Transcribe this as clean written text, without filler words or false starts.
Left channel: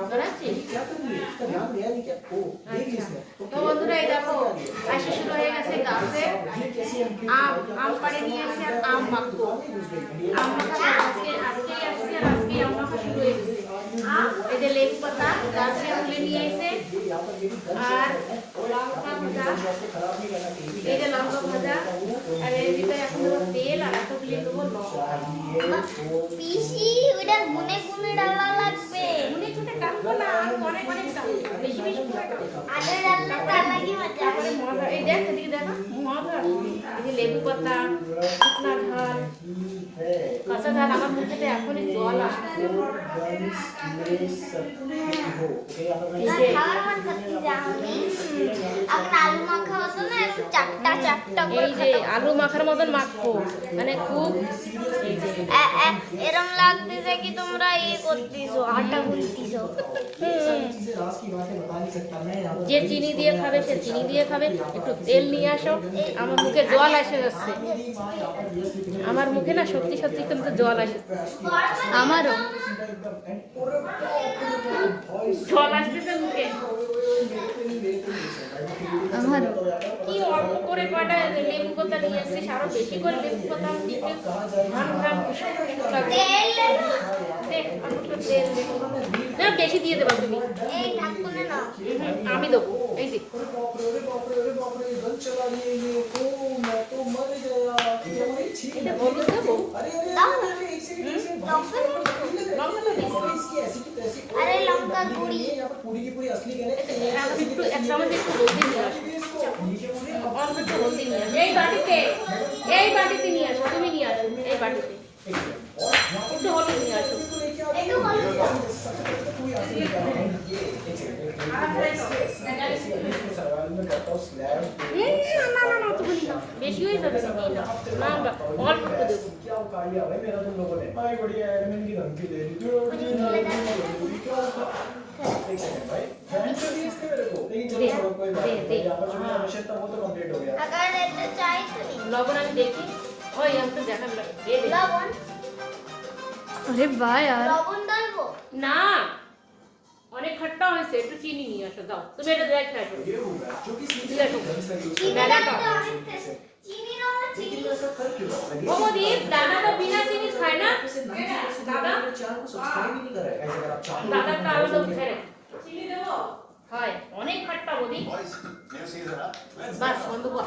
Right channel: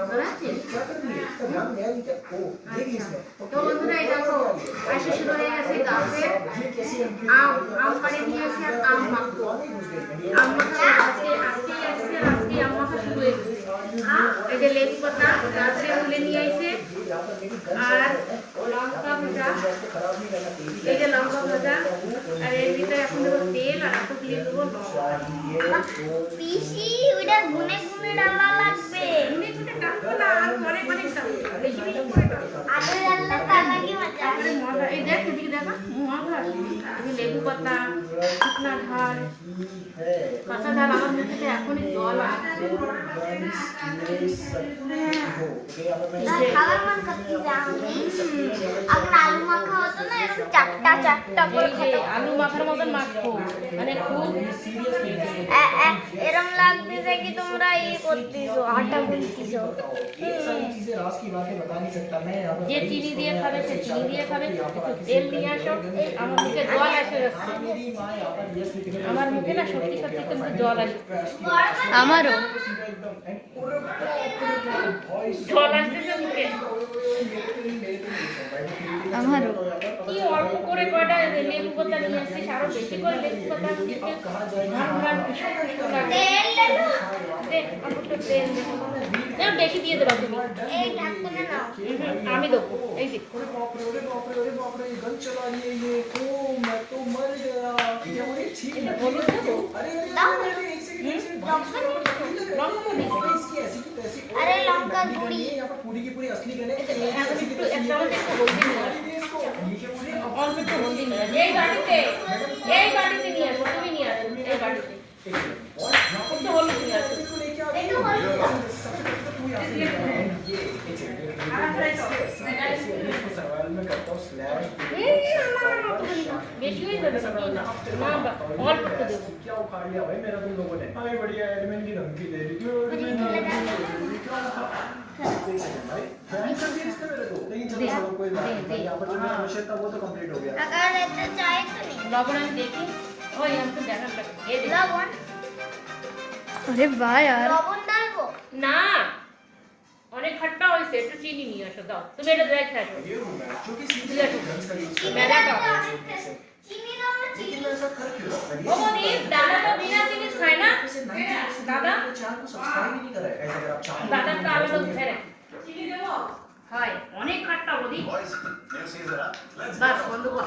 क्या कर रही है? इसका ध्यान गया नहीं क्या? ओ देखिए इसमें। তো বন্ধুরা এই দেখো আসে শুরু হয়ে গেছে গাছে আম পাড়ে নিয়ে এসে আম মাখবো আম মাখা আজকে আম মাখা শুরু হয়ে গেছে এই যে লেবু পাতা গাছে তুলে নিয়ে এসে আর লঙ্কা ভাজা এই যে লঙ্কা ভাজা আর এর ভিতরে এখন দেবো তেল আর একটু দিয়ে দেবো পিসি ওটা গুনে গুনে ডালা লাগবে গুনে গুনে ডালবো না আর পরে পরে খাবো বেশি বেশি করে আগে ডালটা তাহলে মজা তারপরে মজা এই দেখ এদিকে দেখা মজা এই লেবু পাতা শুকনা ঝাল কাঁচা ঝাল আমার মুখে এখনই জল আসছে খাবার মন করতে যাওনি আগে আলু মাখা হতো না এরকম চারটা চারটা করে এই যে আলু মাখার মতন মাখবো মানে খুব এরকম লাগতেছে কি তোমরা এই করতেছো আটা গুনতেছো যে চিনি দিয়ে খাবে সে চিনি দিয়ে খাবে একটু তেল নিয়ে আসো আমার মুখে জল এসে যাচ্ছে আমার মুখে না সত্যি সত্যি কিন্তু জল আসে আমারও জল আসতেছে মুখে আমারও কি অল্প করে কয়টা লেবু পাতা নিয়ে এসেছিস আরো বেশি করে লেবু পাতা দিয়ে বেশি দিয়ে দেবো তুমি এই ঢাকুনে না আমি দেবো এই যে अरे लंका गुड़ी এই বাটিতে নিয়ে আসো তুমি নিয়ে আসো এই বাটিতে একটু হলুদ নিয়ে আসো বেশি হয়ে যাবে না অল্প দেবো अगर ऐसे चाहे तो नहीं লবণ আমি দেখি ওই আমি তো দেখান लवण अरे वाह यार लवण डालबो না অনেক খট্টা হয়েছে একটু চিনি নিয়ে আসো দাও তুমি এটা দেখে আসো चीनी ना चीनी ও মোদি দাদা তো বিনা চিনি খায় না দাদা দাদা তো আলাদা উঠে রে চিনি দেবো হয় অনেক খট্টা মোদি বাস বন্ধ কর